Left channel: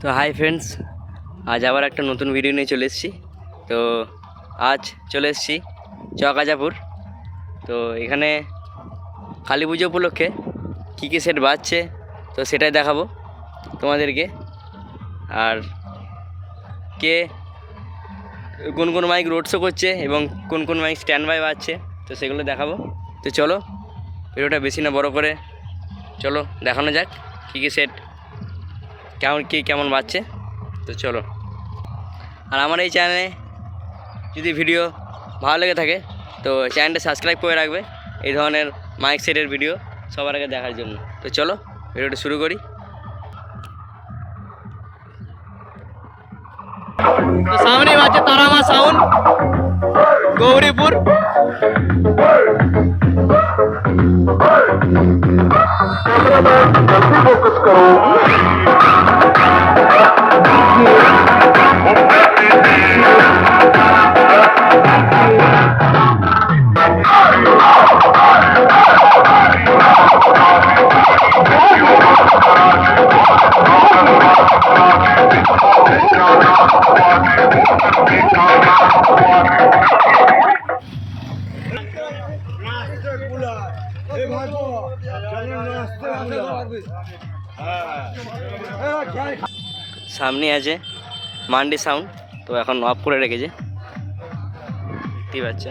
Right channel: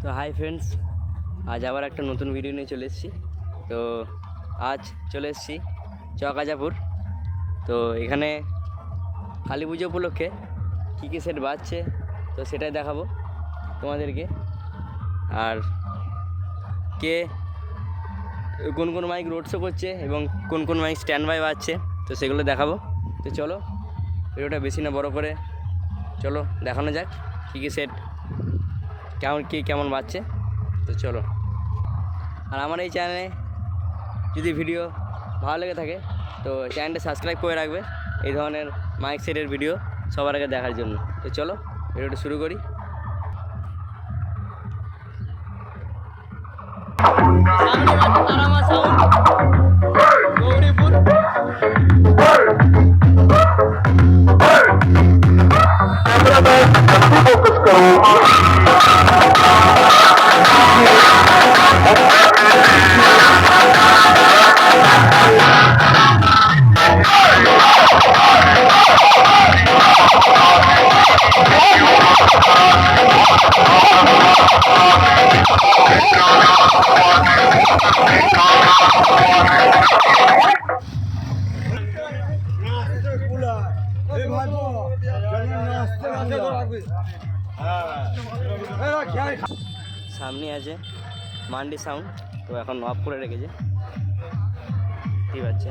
তো hi friends, আজ আবার একটা নতুন ভিডিও নিয়ে চলে এসেছি। তো আজ চলে এসেছি চকাজাপুর। তো এখানে কালী পুজো উপলক্ষে কী কী সেট বাজছে, তো সেটাই দেখাবো তোমাদেরকে। আর কে কোন কোন মাইক রোড শো করছে এবং কোন কোন মাইক স্ট্যান্ড বাই বাজছে, তো সেগুলো দেখাবো। তো চলো ভিডিওটা বেশি না, বড় করে। চলো, দেখানো যাক কী কী সেট কেমন কী কেমন বাজছে তো চলো আর আমার এই চ্যানেলে যদি ভিডিও ভালো লেগে থাকে তো চ্যানেলটা সাবস্ক্রাইব করে রাখবে এই ধরনের মাইক সেটের ভিডিও সবার আগে দেখার জন্য তো চলো ভিডিওটা শুরু করি সামনে বাজছে তারামা সাউন্ড গৌরীপুর Gracias. সামনে আছে মান্ডি সাউন্ড তো এখন অফ করে রেখেছে। দেখতেই পাচ্ছে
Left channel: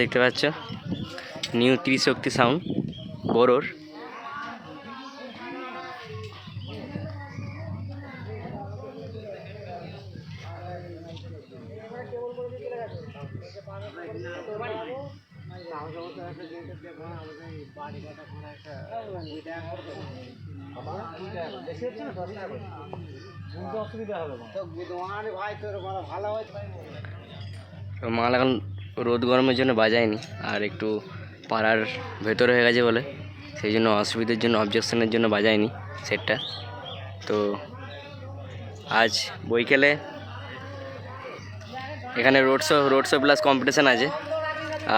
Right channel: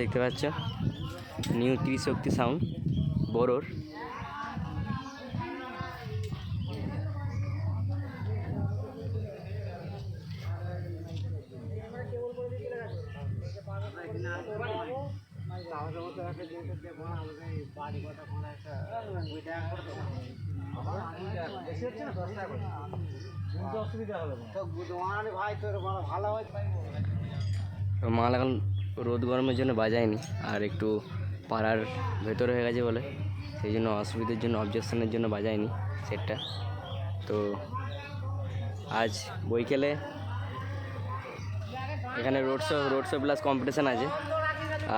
দেখতে পাচ্ছ? নিউ ত্রিশক্তি সাউন্ড বড়োর মাল এখন রোদ গরমের জন্য বাজায়নি, আর একটু পাড়ার ভেতরে হয়ে গেছে বলে, সেই জন্য অসুবিধার জন্য অবজেকশনের জন্য বাজায়নি সেটটা তো আজ বৈকালে এখানে road show road show plus competition আছে,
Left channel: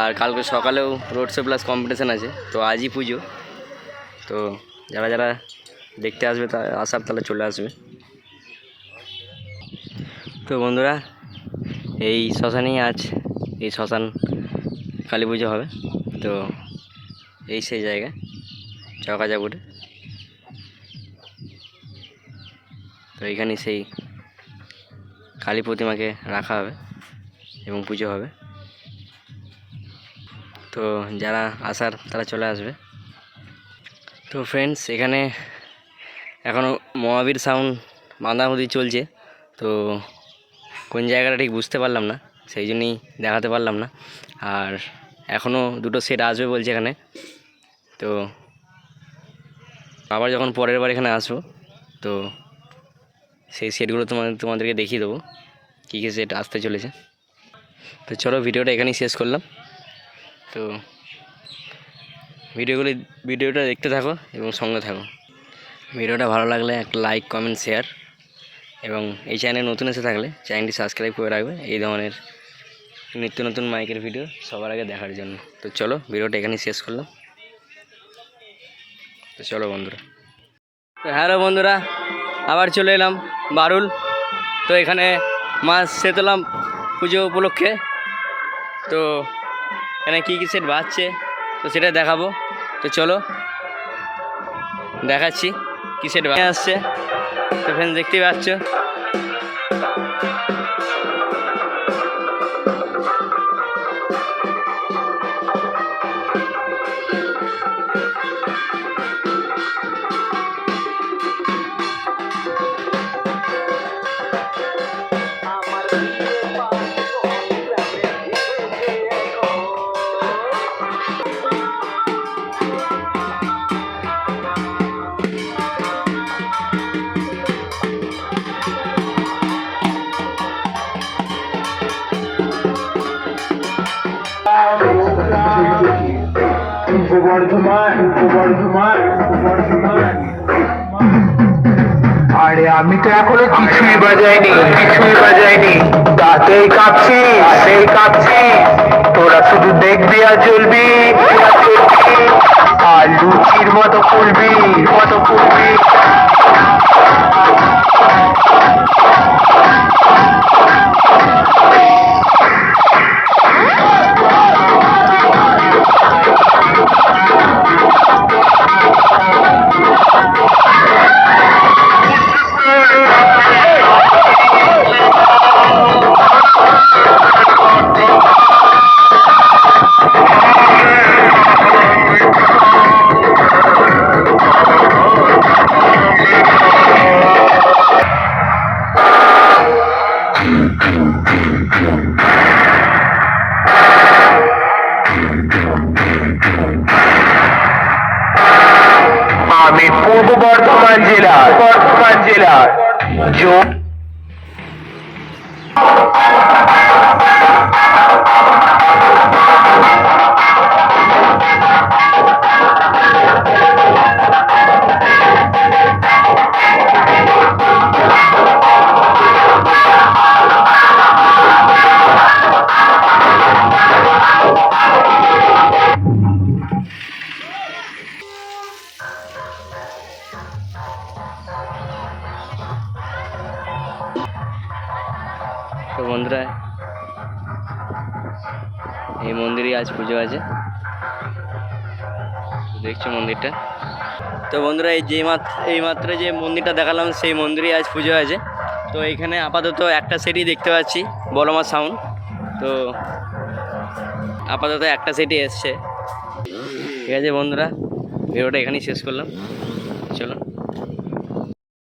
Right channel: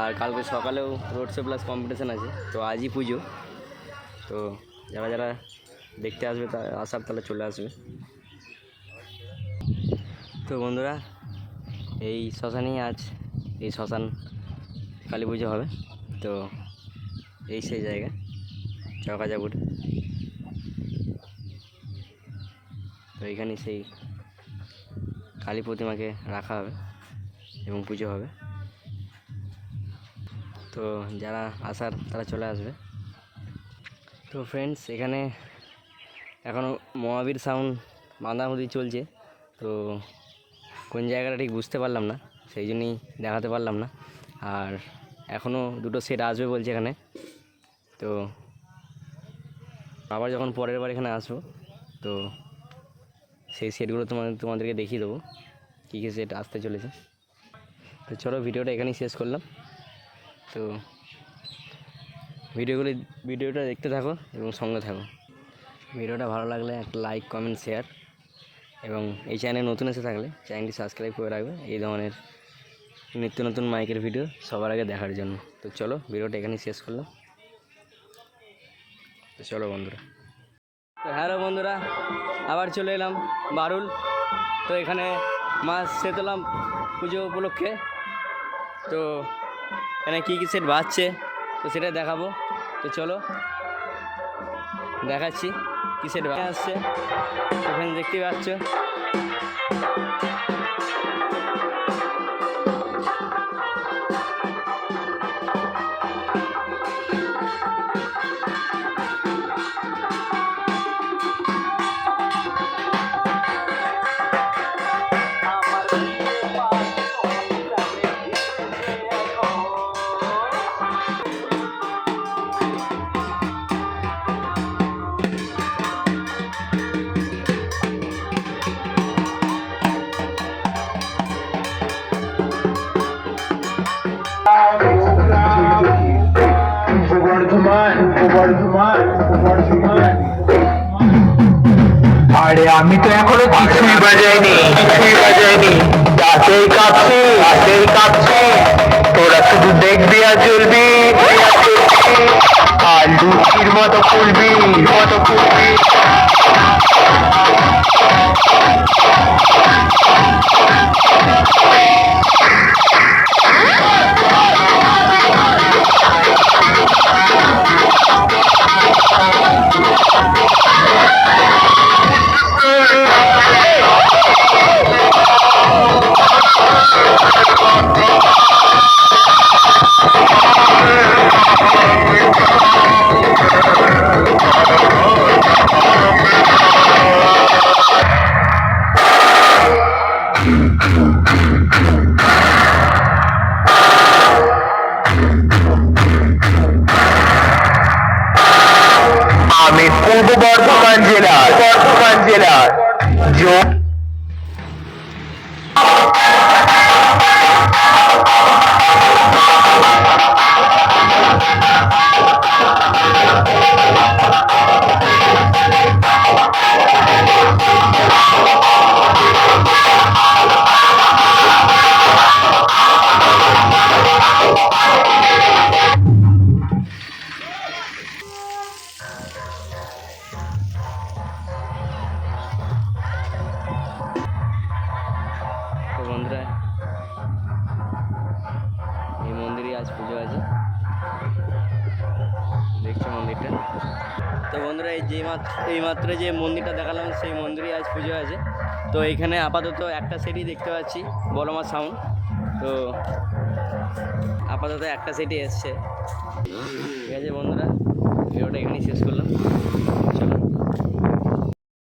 আর কালকে সকালেও রোড শো প্লাস কম্পিটিশান আছে, তো আজই পুজো। তো যারা যারা দেখতে আসবে, তা আসার তাহলে চলে আসবে। তো বন্ধুরা, এই শ্মশানেই আজ এই শ্মশান কালী পুজো হবে। তো এই সেই জায়গা, চকাজাপুর। তো এইখানে সেই কালী প্রতিমাকে রাখা হবে এবং পুজো হবে। তো যারা আসার, তারা চলে আসবে। তো ফ্রেন্ডস এখানে এখনও মহাবীর সাউন্ড বাঁধামুদি চলছে। তো কোন জায়গাটা ঠিক বুঝতে পারলাম না। সেই জন্যই দেখাতে পারলাম না। আর এখনও দুটো সেট আসবে বলছে এখানে। তো আবার যখন পরের বার এখানে আসব, তো সেই সেটগুলো তোমাদের, তোমাদেরকে দেখিয়ে দেবো কী কী সেট আসতে চলেছে। তো চলো ভিডিওটা এখানেই শেষ করলাম। তো ভিডিওগুলি, ভিডিওটা দেখতে থাকো এবং সঙ্গে থাকো। ভিডিওটা ভালো লাগলে একটা লাইক কমেন্ট শেয়ার এবং এই চ্যানেলে নতুন এসে থাকলে চ্যানেলটি সাবস্ক্রাইব করে রাখবে। এই ধরনের নিত্য নতুন মাইকের ভিডিও সবার আগে দেখার জন্য। তো চলো, ভিডিওটা এখানেই শেষ করলাম। তো চলো বন্ধুরা। তো হ্যালো বন্ধুরা, আবার চলে এলাম বারুল। তো এখানে মাছ সেতলাম পুজো উপলক্ষে। তো এখানে কী কী সেট বাজছে, তো সেটা দেখাবো। তো চলো, দেখাচ্ছি কী সেট আসছে তো ফ্রেন্ড দেখতেই পাচ্ছ। আরে, আমি তো এখনও কিছুই বাজাইনি। কিছুই বাজাইনি দাঁতেই কাঁপছি দাঁতেই কাঁপছি। তোরা শুধু দেখবি আর জ্বলবি। আমি পূর্ব বর্ধমান জেলার বর্ধমান জেলার। তো বন্ধুরা, এই মন্দিরে আজ পুজো আছে। দেখছ মন্দিরটা? তো বন্ধুরা, এই যে মাত্র এই মাত্র যে মন্দিরটা দেখালাম, সেই মন্দিরে আজ পুজো আছে। তো এখানে আপাতত একটা সেটই দেখতে পাচ্ছি, বলমা সাউন্ড তো আপাতত একটা সেটই এসছে। ঠিক আছে বন্ধুরা, ভিডিওটা এখানেই শেষ করলাম। চলো